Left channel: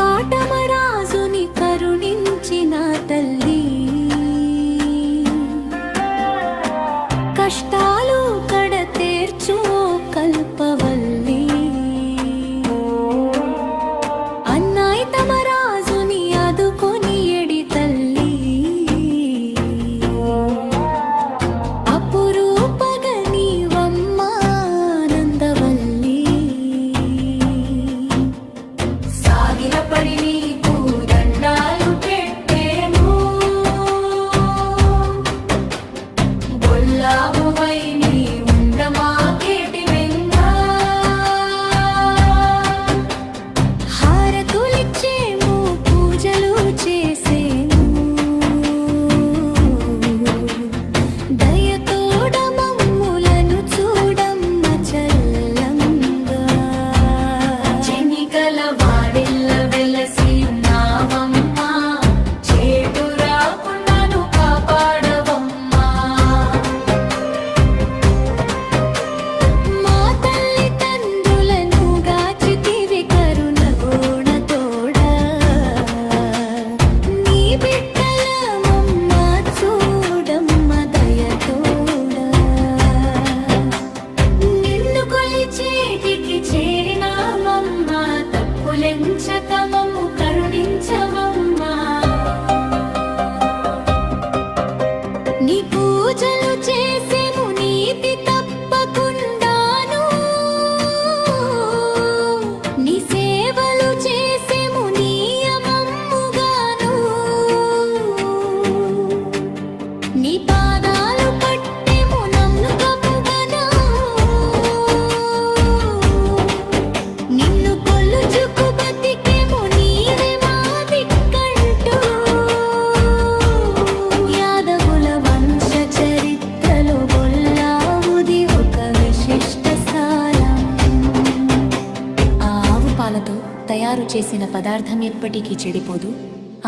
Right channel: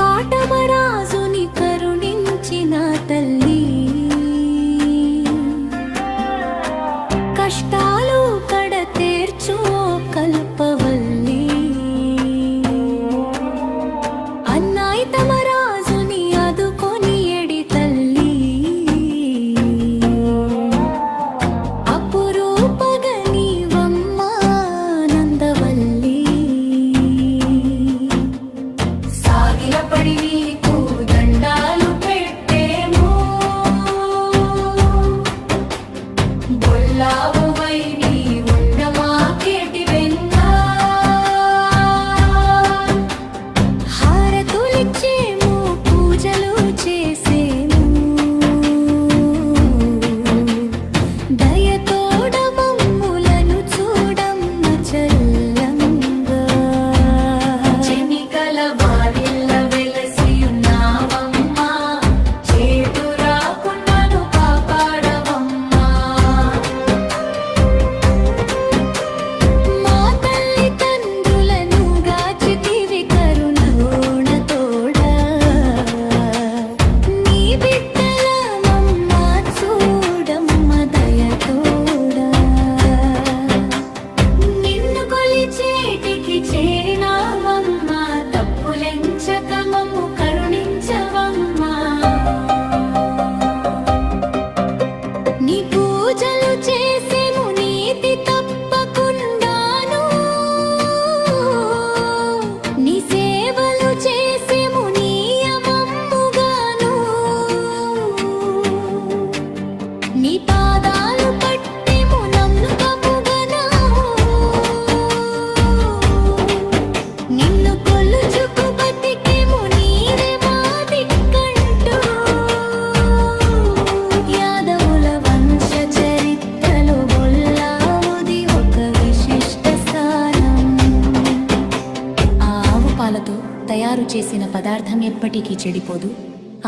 కాటమరాజుని కరుణించిన తల్లి, కష్టాలు కడతేర్చు కల్పవల్లి. అన్నాయితమరాజుని ఆదుకొని ఎడి తల్లి, అపురూపగ నీవమ్మ నందవల్లి. సాగిలపడి నీకు దండాలు పెట్టేము, బొల్లావువై నీ ఉండమాకేటి వెంట. హారతులిచ్చేము, పూజలు చేసేము, దయతోడ మమ్ములను చూడమ్మ చల్లంగా. చెనిగల వారెల్ల వెలసి ఉన్నావమ్మా, చేటు రాకుండాను కాపాడవమ్మా. మా తల్లి తండ్రులను గాచితివి కరుణోణతోడా, నీ బిడ్డలమమ్మ చూడమ్మ దయతోడా. నిన్ను కొలిచేటికి చేరినామమ్మ, తప్పులెంచక మమ్ము కరుణించవమ్మా. నీ పూజలు చేసేము నీతి తప్పకుండాను, నీ సేవలు చేసేము నియమమ్ముగాను. నీ పాదాలు పట్టెము నమ్ముకముగను, నిన్ను కొలుచుకు బతికెము నీవే మా దిక్కంటూ. యాదవుల వంశ చరిత్రలో బొల్లావుది ఒక విశిష్ట స్థానం. ఆ ఆవు పాలతో తయారు చేసిన పదార్థం ఎప్పటికీ చెడిపోదు.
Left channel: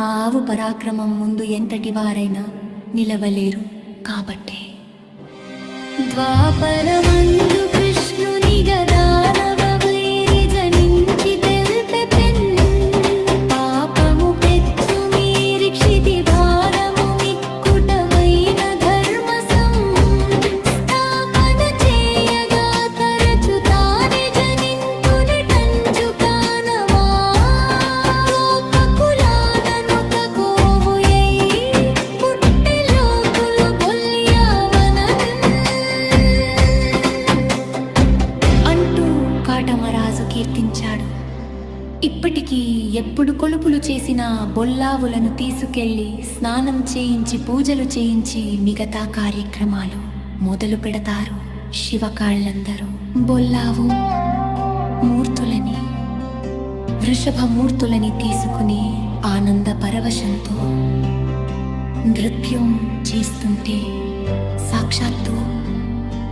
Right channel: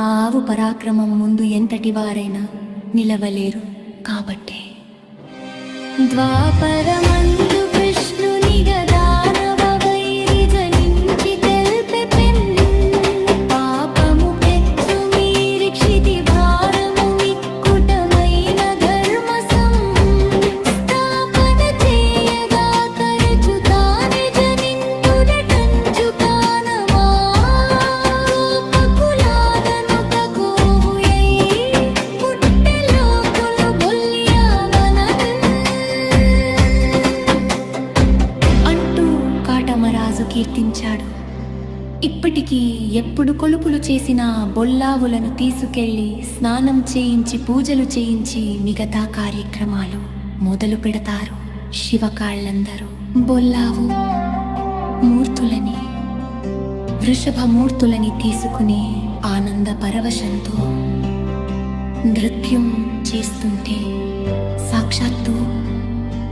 ఆ ఆవు పరాక్రమం ముందు ఎంతటి వారైనా నిలవలేరు కాబట్టే. ద్వాపరమందు కృష్ణుని గదానవ వైరి జనించి తెల్పె పెన్, పాపము పెచ్చు మీరి క్షితి భారము మిక్కుటమైన ధర్మ సంస్థాపన చేయగా తరచు తానే జనింతునటంచు కానమా. గోపకులాననొక కోవుయై పుట్టె లోకులు బొల్యావనన్ అంటూ కాటమరాజు కీర్తించాడు. ఇప్పటికీ ఎప్పుడు కొలుపులు చేసినా బొల్లావులను తీసుకెళ్లి స్నానం చేయించి పూజలు చేయించి మిగతా కార్యక్రమాలు మొదలు పెడతారు. శివకాళ్ళందరూ బొల్లావు మూర్తులని, వృషభమూర్తులని తీసుకుని ఆనంద పరవశంతో నృత్యం చేస్తుంటే సాక్షాత్తు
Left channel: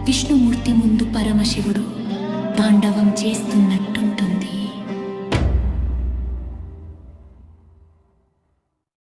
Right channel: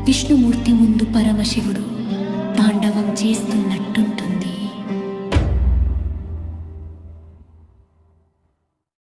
విష్ణుమూర్తి ముందు పరమశివుడు తాండవం చేస్తున్నట్టుంటుంది.